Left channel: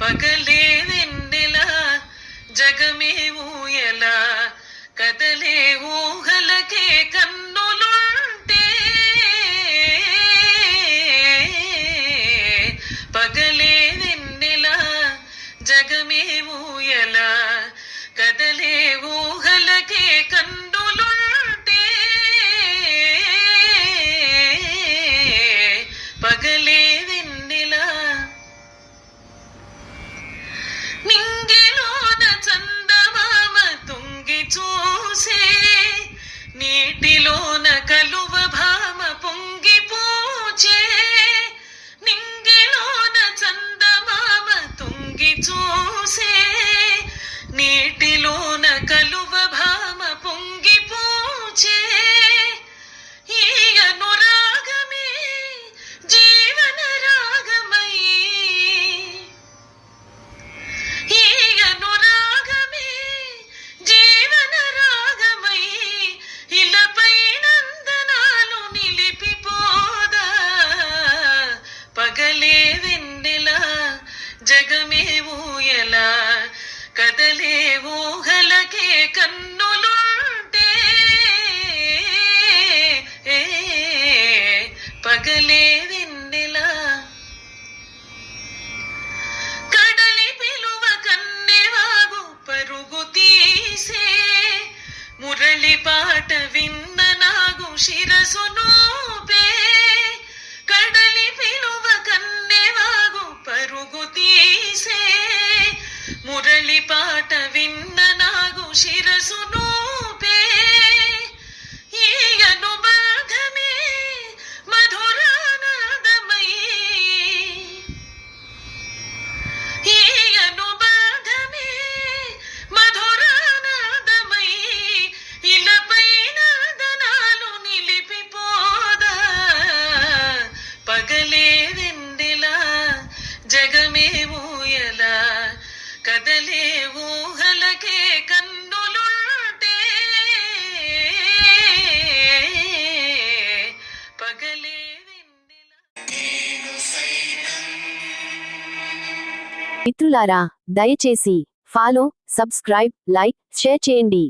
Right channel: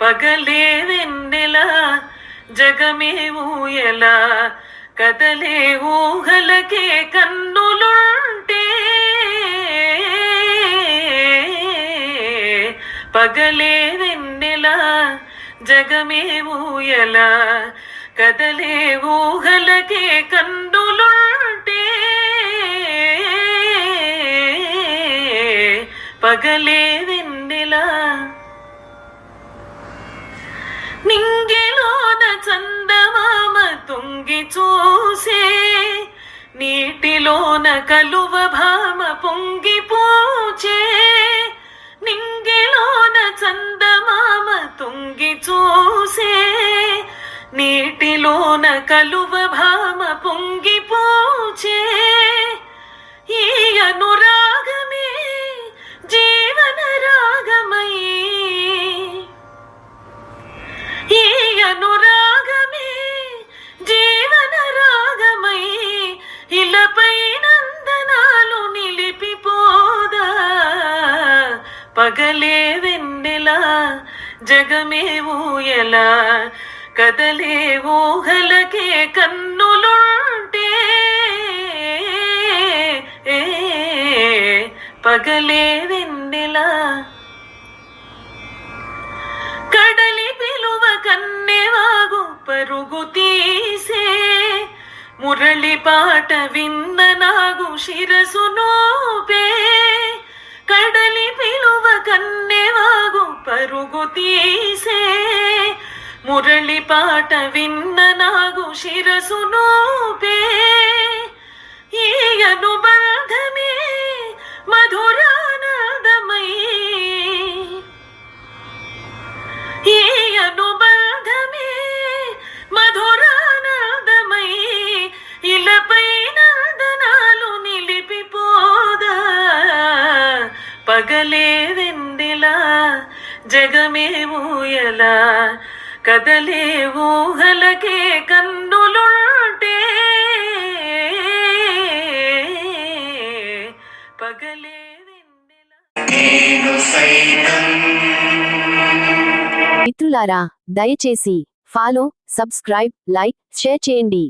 పగలే వెన్నెల జగమే ఊయల కదలే ఊహలకే కన్నులుంటే పగలే వెన్నెల జగమే ఊయల కదలే ఊహలకే కన్నులుంటే పగలే వెన్నెల నింగిలోన చందమామ తొంగి చూసే నీటిలోన కలువ భామ పొంగి పూచే నింగిలోన చందమామ తొంగి చూసే నీటిలోన కలువ భామ పొంగి పూచే ఈ అనురాగమే జీవన రాగమై ఈ అనురాగమే జీవన రాగమై ఇలపై నందనాలు నిలిపిపోదా పగలే వెన్నెల జగమే ఊయల కదలే ఊహలకే కన్నులుంటే పగలే వెన్నెల కడలి పిలువ కన్నెవాగు పరుగు తీసే మురళి పాట విన్న నాగు శిరసు నోపే కడలి పిలువ కన్నెవాగు పరుగు తీసే మురళి పాట విన్న నాగు శిరసు నోపే ఈ అనుబంధమే మధురానాదమై ఈ అనుబంధమే మధురానాదమై ఇలపై నందనాలు నిలిపిపోదా పగలే వెన్నెల జగమే ఊయల కదలే ఊహలకే కన్నులుంటే పగలే వెన్నెల. మిత్రులారా, దయచేసి ఫాలో, సబ్స్క్రైబ్, లైక్, షేర్ చేయండి.